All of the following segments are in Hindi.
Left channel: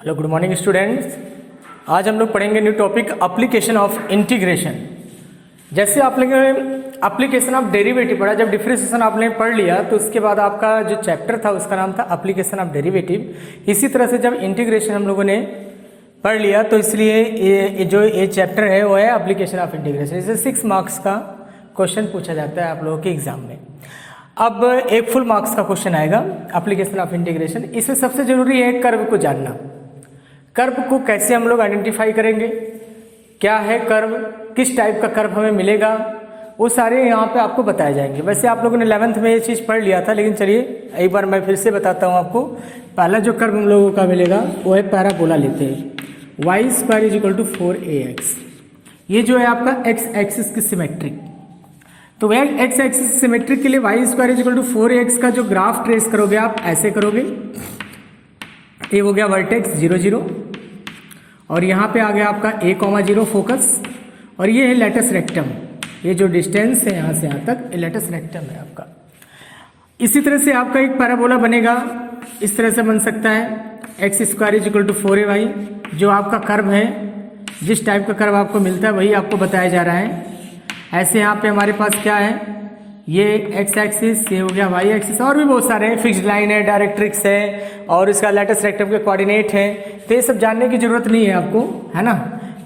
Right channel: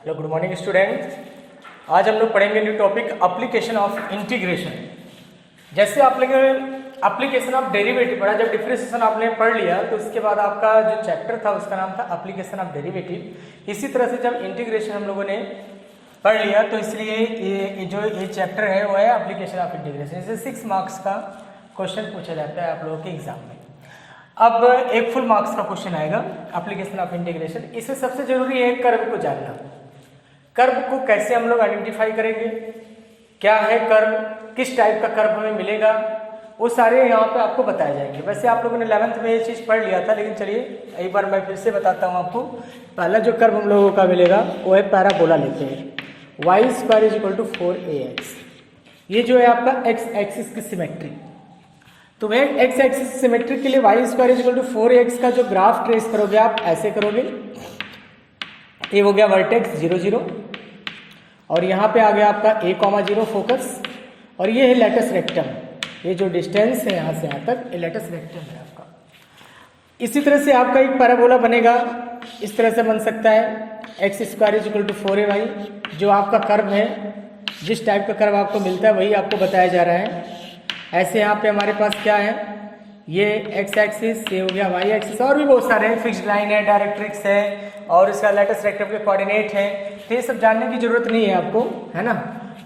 Hello good morning students. आज हम लोग पढ़ेंगे new topic application of integration. जैसे आप लोग एप्लीकेशन ऑफ डेरिवेटिव पढ़ा, जब डिफरेंशिएशन आपने पढ़ लिया तो उसके बाद आपका जो चैप्टर था उसका नाम था एप्लीकेशन ऑफ डेरिवेटिव। इसी तरह से जब इंटीग्रेशन हम लोगों ने पढ़ लिया तो इसलिए ये चैप्टर है वो है एप्लीकेशन ऑफ इंटीग्रेशन। इसे 6 मार्क्स का क्वेश्चन पूछा जाता है आप लोगों के एग्जाम में। अब एक फुल मार्क्स का क्वेश्चन आएगा एप्लीकेशन ऑफ इंटीग्रेशन। इसमें सबसे जरूरी है कर्व को जानना। कर्व को कैसे हम लोग आइडेंटिफाई करेंगे, क्या है कर्व, किस टाइप का कर्व हमें मिलेगा, वो सारे यहाँ पे आपको बताए जाएंगे। वैसे आप लोगों ने 11th में ये चीज़ पढ़ लिया था, लेकिन चलिए एक बार मैं फिर से बताता हूँ आपको। पहला जो कर्व हम लोगों का मिलेगा वो है पैराबोला लेते हैं, Y square is equal to 4ax। ये जो है आपका एक्स एक्सिस की सिमेट्रिक, तो वह एक्स एक्सिस सिमेट्रिक के लिए Y square is equal to 4ax का जो ग्राफ ट्रेस करोगे आप ऐसे करोगे। ये हो गया वर्टेक्स 0 0 और यहाँ पे आ गया आपका a,0 फोकस, और ये है लेटस रेक्टम। ये जो डिस्टेंस है यहाँ से यहाँ तक ये लेटस रेक्टम है आपका। इसी तरह से आपका एक पैराबोला बनेगा, इस तरह से बन सकता है X square is equal to 4ay। जो आपका कर्व है, जिस टाइप का कर्व आपको मिलता है वही आपको बताया जा रहा है। ऐसे यहाँ पे हमारे पास क्या है, ये एक्स एक्सिस, ये हो गया वाई एक्सिस, और भी बहुत सारे हैं, फिक्स्ड लाइन है, डायरेक्ट्रिक्स है, और इसका लेटस रेक्टम के कोऑर्डिनेट है। तो ये सब जानने की जरूरत नहीं है आपको, है ना,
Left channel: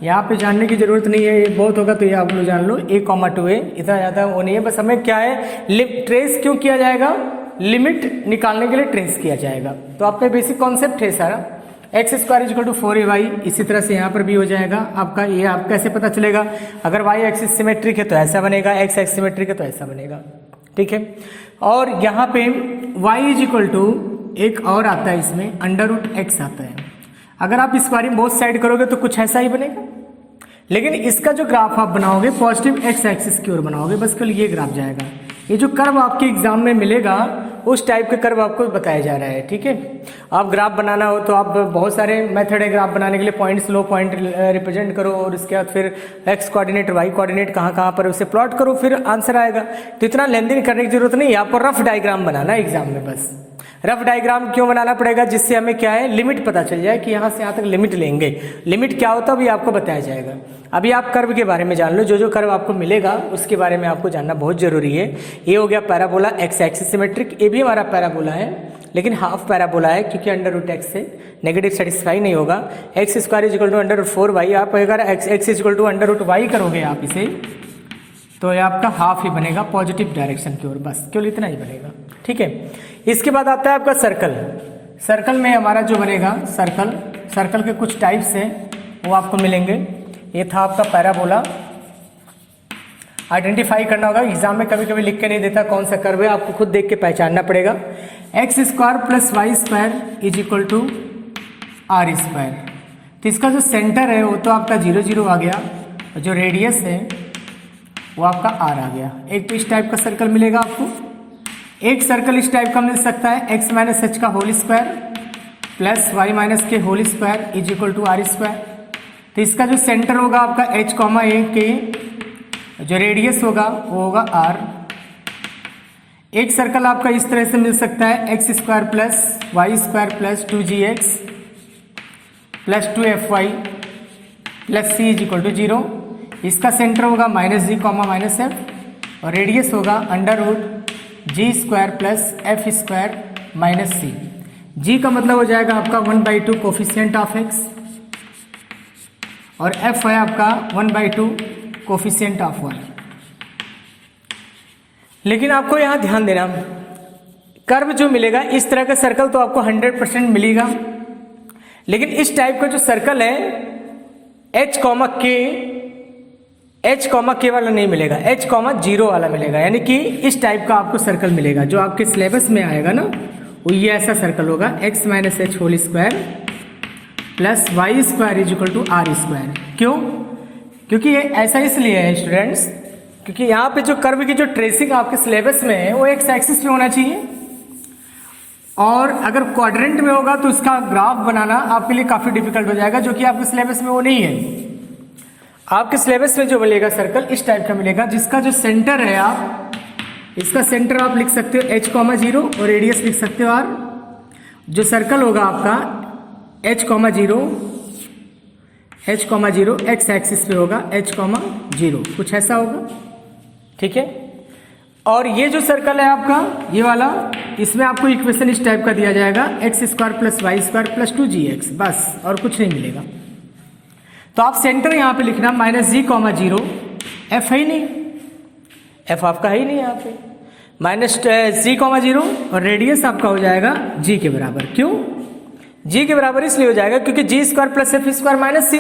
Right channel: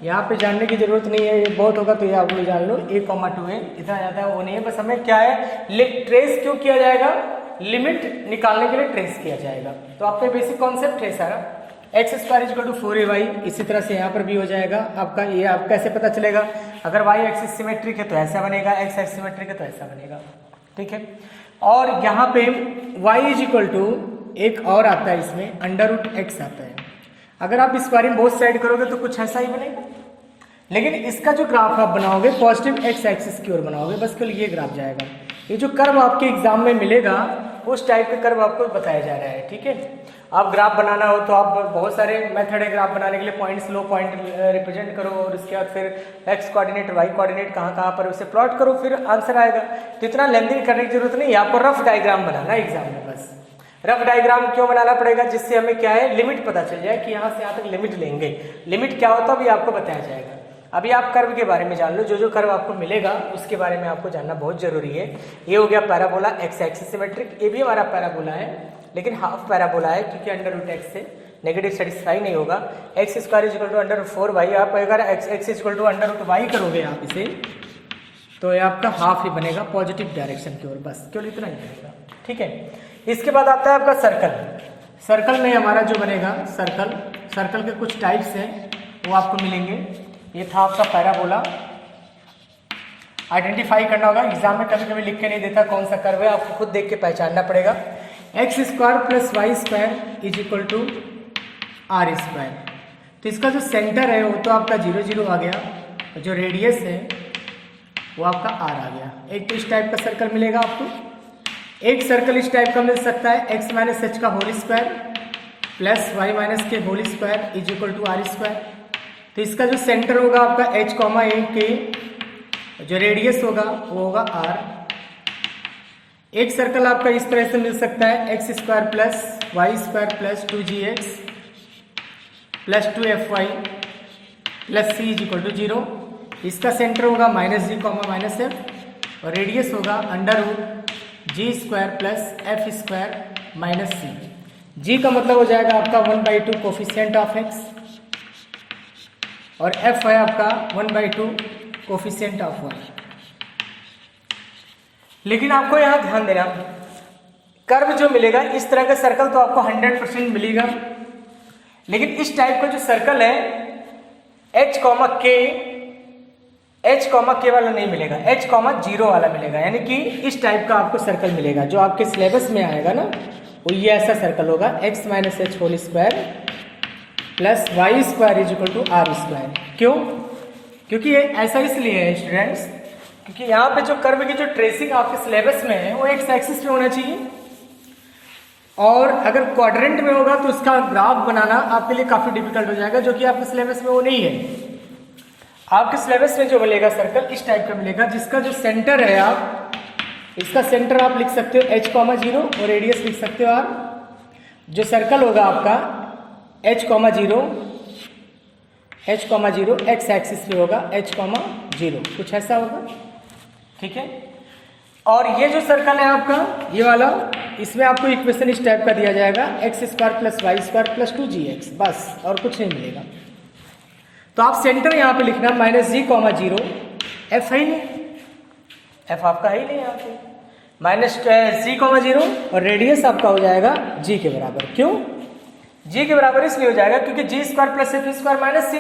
यहाँ पे जानने की जरूरत नहीं है। ये बहुत होगा तो ये आप लोग जान लो, a,2a इतना ज़्यादा वो नहीं है। बस हमें क्या है, ट्रेस क्यों किया जाएगा, लिमिट निकालने के लिए ट्रेस किया जाएगा। तो आपका बेसिक कॉन्सेप्ट है सारा, x square equal to 4ay। इसी तरह से यहाँ पर भी हो जाएगा आपका। ये आप कैसे पता चलेगा, अगर वाई एक्सिस सिमेट्रिक है तो ऐसा बनेगा, एक्स एक्सिस सिमेट्रिक है तो ऐसा बनेगा, ठीक है। और यहाँ पे y इज इक्वल टू एक और आता है इसमें √x आता है। अगर आप इस बारे में बहुत साइड करोगे तो कुछ ऐसा ही बनेगा, लेकिन इसका जो ग्राफ आप बनाओगे पॉजिटिव एक्स एक्सिस की ओर बनाओगे, बस केवल ये ग्राफ जाएगा। ये जो कर्व आपके एग्जाम में मिलेगा उस टाइप का कर्व आपको बताया जा रहा है, ठीक है। आप ग्राफ बनाना हो तो आप बहुत सारे मेथड है ग्राफ बनाने के लिए, पॉइंट्स लो, पॉइंट रिप्रेजेंट करो, और उसके बाद फिर एक्स कोऑर्डिनेट वाई कोऑर्डिनेट कहाँ कहाँ पर उसे प्लॉट करो, फिर आंसर आएगा। तो इतना लेंदी करने की जरूरत नहीं है, आपको रफ डायग्राम बनाना है एग्जाम में। बस रफ डायग्राम क्यों बनाना पड़ेगा, जिससे हमें क्या है लिमिट पता चल जाए कि यहाँ से यहाँ तक लिमिट लेंगे। लिमिट क्या होता है भी आपको बताया जाएगा। अभी आप कर्व के बारे में जान लो, जो जो कर्व आपको मिलेगा उसके बारे में आपको जानना बहुत जरूरी है। ये हो गया पैराबोला एक्स एक्सिस सिमेट्रिक, ये भी हमारा पैराबोला है लेकिन हाफ पैराबोला है, क्योंकि √x से नेगेटिव सेटिस्फाई नहीं होगा। X square is equal to √4y। आप अगर X is equal to √y करोगे आप इसे, तो ये आपका हाफ ही बनेगा पॉजिटिव डायरेक्शन की ओर, बस केवल इतना ही बनेगा, ठीक है। इसके बाद आता है आपका सर्कल। सर्कल में हमारा जो बनेगा सर्कल के कुछ टाइप्स हैं वो आपको मिलेंगे। ये था आपका पैराबोला। आइडेंटिफाई करना होगा, एग्जाम में कभी कभी लिख के नहीं देता कौन सा कर्व है, आपको खुद देख के पहचानना पड़ेगा। X square plus Y square is equal to are square. तो इसका जो सेंटर है वो तो आपका 0 0 आ गया, जो रेडियस है वो आपका आर आ गया। एक तो इस टाइप का सर्कल मिलेगा आपको। एक सर्कल इस टाइप का मिल सकता है, एक्स माइनस एच का whole square plus y minus k whole square is equal to are square. तो इसका जो सेंटर होगा आपका h,a के, जो रेडियस होगा वो होगा r। एक सर्कल आपका इस तरह से मिल सकता है, X square plus Y square plus 2gx plus 2fy plus c is equal to 0। इसका सेंटर होगा -g, -f, और रेडियस होगा √g² plus f square minus c। g का मतलब हो जाएगा आपका 1/2 कोफिशिएंट ऑफ x, और f है आपका 1/2 कोफिशिएंट ऑफ 1। लेकिन आपको यहाँ ध्यान देना, कर्व जो मिलेगा इस तरह का सर्कल तो आपको 100% मिलेगा, लेकिन इस टाइप का जो सर्कल है h,k वाला नहीं मिलेगा, h,0 वाला मिलेगा। यानी कि इस टाइप का आपको सर्कल मिलेगा जो आपके सिलेबस में आएगा ना, वो ये ऐसा सर्कल होगा, x minus H whole square plus Y square is equal to are square. क्यों? क्योंकि ये ऐसा इसलिए है स्टूडेंट्स, क्योंकि यहाँ पे जो कर्व की जो ट्रेसिंग आपके सिलेबस में है वो एक्स एक्सिस पे होना चाहिए, और अगर क्वाड्रेंट में होगा तो उसका ग्राफ बनाना आपके लिए काफ़ी डिफिकल्ट हो जाएगा, जो कि आपके सिलेबस में वो नहीं है। आपके सिलेबस में जो मिलेगा सर्कल इस टाइप का मिलेगा, जिसका जो सेंटर है आप इसका सेंटर आप लिख सकते हो h,0 और रेडियस लिख सकते हो r। जो सर्कल होगा आपका h comma zero x axis पे होगा h कॉमा जीरो, कुछ ऐसा होगा, ठीक है। और ये जो सर्कल है आपका ये वाला, इसमें आपको इक्वेशन इस टाइप का दिया जाएगा X square plus Y square plus 2gx, बस और कुछ नहीं मिलेगा। तो आप सेंटर यहाँ पे लिखना माइनस जी कॉमा जीरो, एफ है ही नहीं, एफ आपका है ही नहीं यहाँ पे, माइनस जी कॉमा जीरो और रेडियस आपका हो जाएगा जी के बराबर। क्यों जी के बराबर? इसलिए हो जाएगा क्योंकि g square plus f square minus c,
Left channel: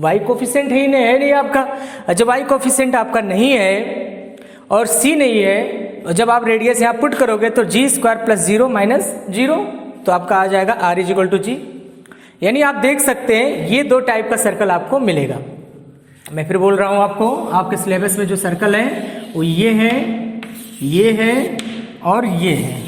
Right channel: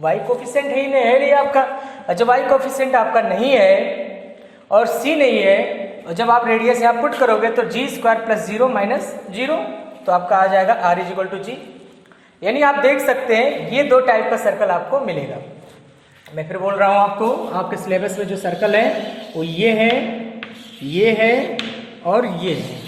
y coefficient है ही नहीं, है नहीं आपका। जब वाई कोफिशिएंट आपका नहीं है और सी नहीं है, और जब आप रेडियस यहाँ पुट करोगे तो g square plus zero minus zero, तो आपका आ जाएगा r is equal to g. यानी आप देख सकते हैं ये दो टाइप का सर्कल आपको मिलेगा। मैं फिर बोल रहा हूँ आपको, आपके सिलेबस में जो सर्कल है वो ये है और ये है।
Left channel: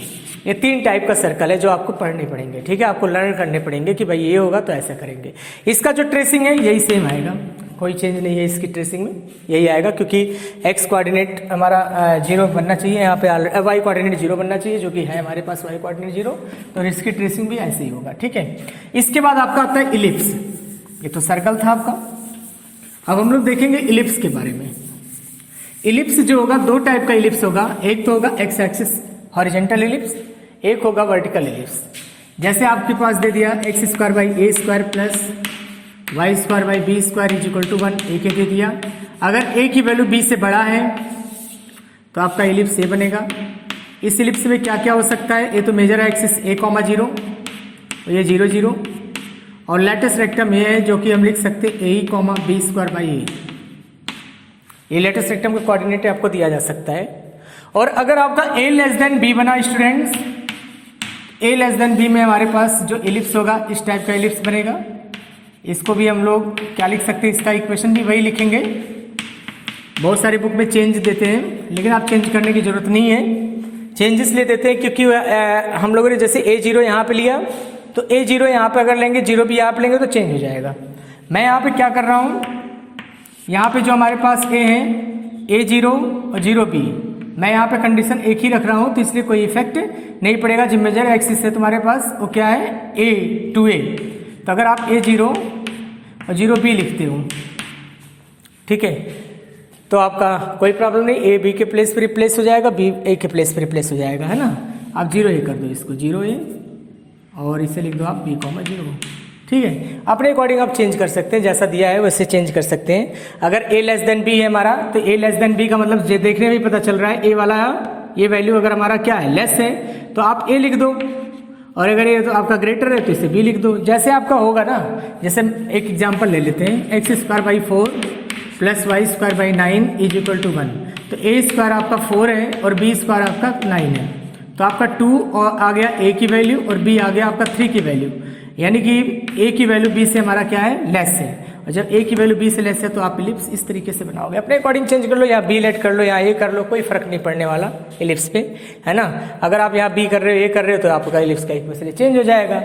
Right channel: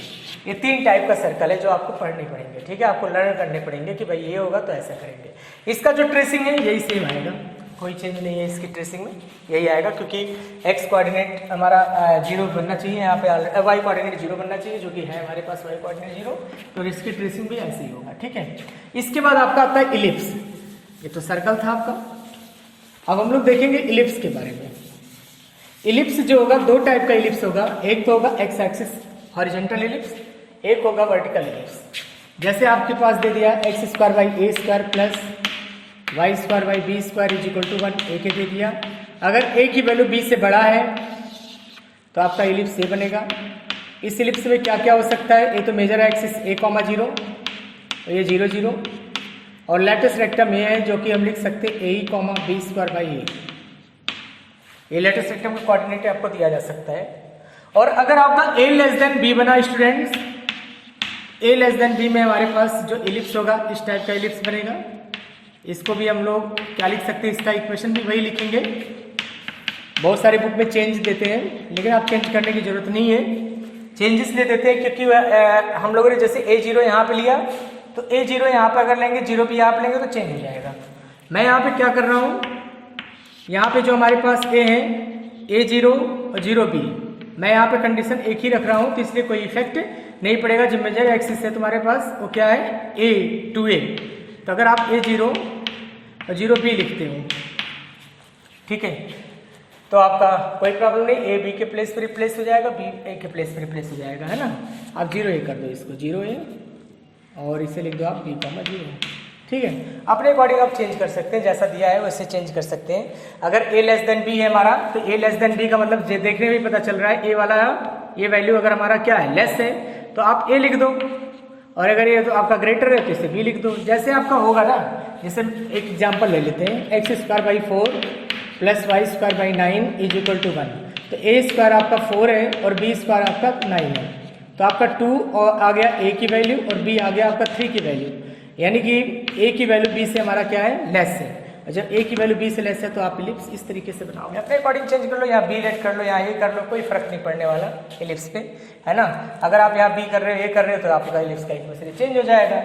ये तीन टाइप का सर्कल है जो आपको पढ़ने पड़ेंगे, ठीक है। आपको लर्न करने पड़ेंगे कि भाई ये होगा तो ऐसा करेंगे। इसका जो ट्रेसिंग है यही सेम आएगा, कोई चेंज नहीं है इसकी ट्रेसिंग में, यही आएगा क्योंकि एक्स कोऑर्डिनेट हमारा जीरो बनना चाहिए, यहाँ पे वाई कोऑर्डिनेट जीरो बनना चाहिए, जो कि है हमारे पास वाई कोऑर्डिनेट जीरो, और इसकी ट्रेसिंग भी ऐसे ही होगा, ठीक है। इसके बाद आपका आता है इलिप्स। ये तो सर्कल था आपका, अब हम लोग देखेंगे इलिप्स के बारे में। इलिप्स जो होगा दो टाइप का इलिप्स होगा, एक तो होगा एक्स एक्सिस हॉरिजॉन्टल इलिप्स, एक होगा वर्टिकल इलिप्स। जैसे आपके पास दे दिया X square by A square plus Y square by B square is equal to 1, A के दे दिया। अगर ए की वैल्यू बी से बड़ा है तो आपका इलिप्स ए बनेगा। इस इलिप्स में क्या क्या हो सकता है? ये तो मेजर एक्सिस ए कॉमा जीरो, तो ये 0 0, और लेटेस्ट रेक्टम ये है जो कि हम लिख सकते हैं ए कॉमा बी स्क्वायर बाई ए। ये लेटेस्ट रेक्टम का कोऑर्डिनेट आपको दिया जा सकता है। और अगर आपका ए लेस देन बी बना स्टूडेंट्स, ए लेस देन बी में हमारे पास जो इलिप्स होगा इस टाइप का इलिप्स बनेगा। इसको भी हम लोग क्या लिख सकते हैं, इसका इक्वेशन भी वही लिखेंगे। बहुत सारे बुक में चेंज देते हैं, लेकिन आप चेंज करने की जरूरत नहीं है। चेंज इसलिए देते हैं क्योंकि हम लोगों ने जैसे ए जीरो यहाँ पे लिया, तो ए जीरो यहाँ पे अगर लेंगे, जीरो भी यहाँ पे लेंगे तो चेंज हो जाएगा। मैं यहाँ पे क्या कर रहा हूँ, यहाँ पे जो हमारे पास ए है, ए जीरो और जीरो बी, मैं यहाँ पे कंडीशन एक ही रख रहा हूँ, तो इसलिए कोई इफेक्ट नहीं पड़ेगा। जिम्मे जाएगा एक्सिस है तुम्हारे पास, वो क्या है ए टू ए, तो अगर आप ए जीरो और जीरो बी लिखते हो, ठीक है, तो आपका कोई प्रॉब्लम नहीं, ए बी के प्लेस पर रिप्लेस हो जाएगा, बी ए के प्लेस पर रिप्लेस हो जाएगा, है ना। आप 0 ए कर दो इसको, 0 ए, और इसे लिख दो आप बी कॉमा जीरो, ठीक है। अपने अकॉर्डिंग आप चेंज कर सकते हैं, जैसा दिया है वैसे चेंज कर सकते हैं। अगर ए लेस देन बी है हमारा, तो ए लेस देन बी का मतलब देखने में पता चल रहा है ए वाला ये वैल्यू अगर हमारा क्या है, लेस है, तो आप ए लिख दो, और अगर ये तो आपका ग्रेटर है तो इसे बी लिख दो। जैसे आपका होगा ना, जैसे एक एग्जाम्पल ले लेते हैं, X square by 4 plus Y square by 9 is equal to 1, तो ए स्क्वायर आपका 4 है और बी स्क्वायर आपका 9 है, तो आपका 2 और आ गया ए की वैल्यू और बी आ गया आपका 3 की वैल्यू, यानी कि ए की वैल्यू बी से हमारा क्या है, लेस है। और जब ए की वैल्यू बी से लेस है तो आप इलिप्स इस तरीके से बनाओगे। अपने अकॉर्डिंग चेंज कर लो, या बी लेट कर लो या ए कर लो, कोई फर्क नहीं पड़ने वाला इलिप्स पे, है ना। अगर आप यहाँ बी कर रहे हो, ए कर रहे हो, तो आपका इलिप्स का इक्वेशन चेंज हो जाएगा।